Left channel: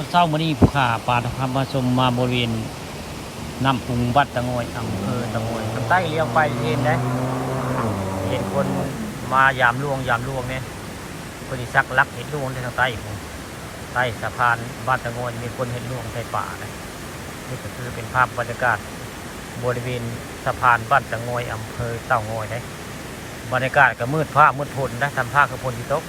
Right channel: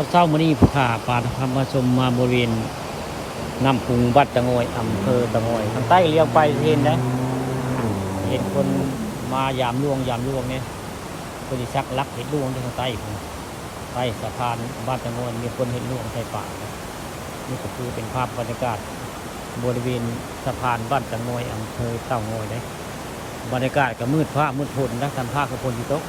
ก็เช้ามื้อนี้ผู้ข่าปลาทำมาชมมาบริเวณน้ำพุงวัดตะโงอำเภอตะโงใต้เรือไปเห็นไหมเห็นคนมายามลุงเนี่ยคนที่ชักลักเห็นลุงที่ทางใต้ใต้สะพานบ้านตะโงมีคนเห็นลุงในป่าเลยนี่ก็คือเป็นภาพบรรยากาศบริเวณสะพานบ้านตะโงอำเภอเต่างอยได้บรรยากาศก็มืดฟ้ามืดฝนนะทำผ้าของคนที่โต๊ะ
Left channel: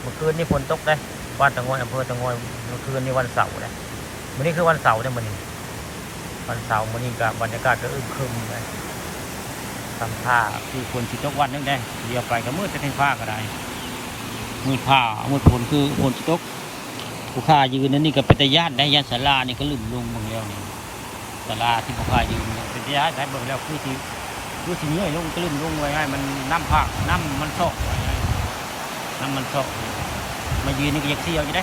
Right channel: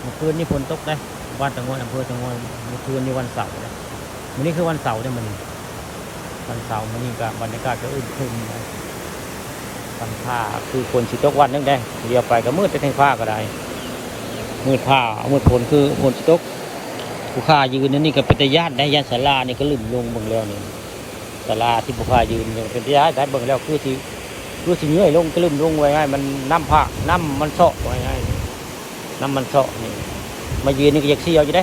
เมื่อคืนนี้ฝนตกได้บ้านตะโงอำเภอตะโงเมื่อคืนนี้วันเสาร์นะนี่คือวันเสาร์เนี่ยมันวันเสาร์นี่กับบรรยากาศก็อึมครึมเลยทำผ้าคือคนที่ตกวันนั่นแหละเรือไปก็มืดไปทั้งผ้าก็ได้มืดผ้ามืดฝนคือคนที่ตกผู้ข่ายืนนั่นนี่ก็เป็นญาติได้ญาติศาลานี่ก็ลุ่มลงบางแล้วนี่ศาลาที่ผู้ข่ายืนเป็นญาติได้บางแล้วคือที่เงื่อยลงก็ลุ่มลงไว้ง่ายมันน้ำผ้าน้ำมันเซาะน้ำมันเซาะมายืนนี่ก็อยากเชื่ออยู่ได้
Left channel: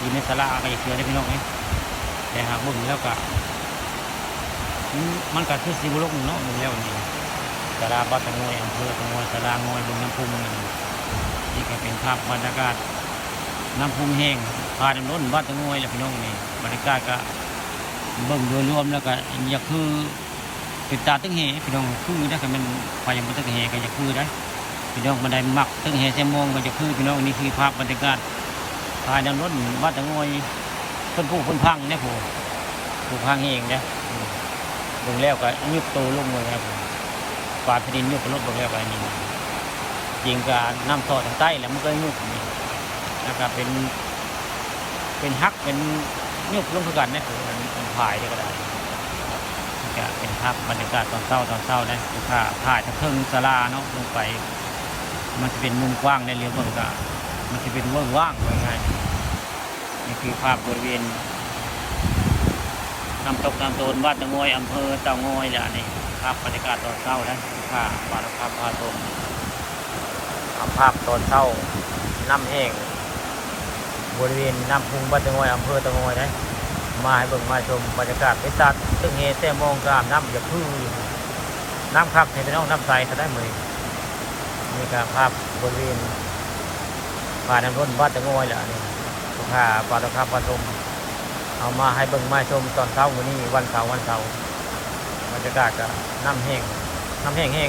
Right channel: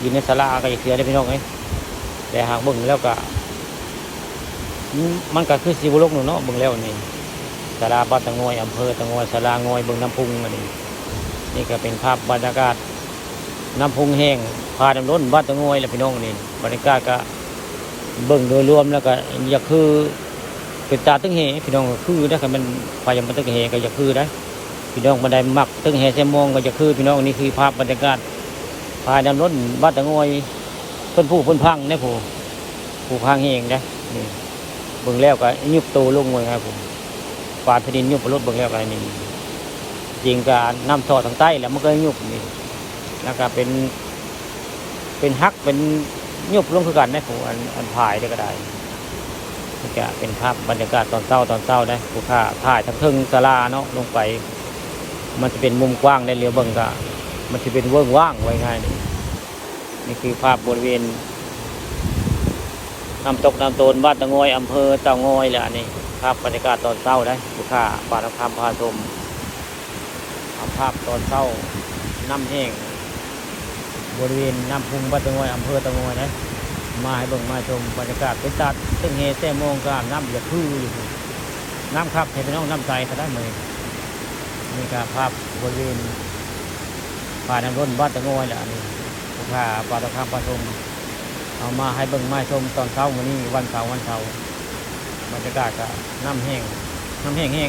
ยืนในศาลาก็อยากเชื่อได้พี่น้องนะแต่หากเบิ่งแล้วก็มันก็คือสีบุรุษเนาะเบิ่งแล้วนี่ศาลาบ้านตะโงอำเภอตะโงศาลางอยบนน้ำพุงนี่ก็เป็นภาพบรรยากาศน้ำพุงแห้งพาดังล้นบ้านตะโงเลยพี่น้องนี่บรรยากาศก็เบิ่งโดยรวมแล้วก็อยากคือเป็นตาตึ้งแห่พี่น้องคือถ้ามันไปยังมันตึ้งแห่ก็อยากคือนะพี่น้องบันไดมักตึ้งแห่เสียมองก็จะคือพี่น้องนี่คือภาพบรรยากาศพาดังล้นบ้านตะโงต้นผู้พ้นพังเนี่ยผู้พังแห้งเนี่ยเบิ่งแล้วก็ยุบตัวลงเลยครับผมปลาที่ดินยุบรถเบิ่งแล้วอะไรนี่จริงก็น้ำทอทางใต้แล้วมันก็ยุบนะครับเป็นฮักเป็นยุบลงคือกันนะผมมันถ่ายได้ก็ได้จะเป็นภาพบรรยากาศตอนเช้านะคือถ้าถ่ายทางเพิ่งศาลาเนาะลงไปมันจะเป็นมุมกว้างในเรือเบิ่งก็มันจะเป็นว่างเลยไงนี่คือภาพบริเวณน้ำตกน้ำโตนบ้านตะโงอำเภอเต่างอยแหละนี่ครับบรรยากาศตอนเช้านะคือค่าปาราคามพาชมภาพตอนเช้าน้ำแห้งบริเวณน้ำพุงบ้านตะโงอำเภอตะโงนะมาให้มาชมบรรยากาศพิซซ่าเงี้ยเต้มองกามน้ำคือน้ำคับที่เป็นน้ำใสจะได้เลยมีการภาพบริเวณป่าน้ำรุ่นบ้านตะโงแหละค่าปาราคามพาชมเอามาให้เบิ่งมาชมตอนเช้านี้วันเสาร์บรรยากาศกับน้ำแห้ง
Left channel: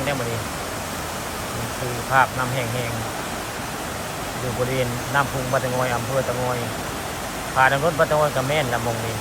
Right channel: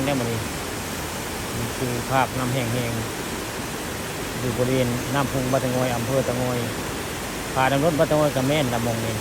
ได้หมดนี่คือภาพน้ำแห้งบริเวณน้ำพุงวัดตะโงอำเภอตะโงป่าน้ำรุ่นวัดตะโงกระเม่นน้ำมันนี่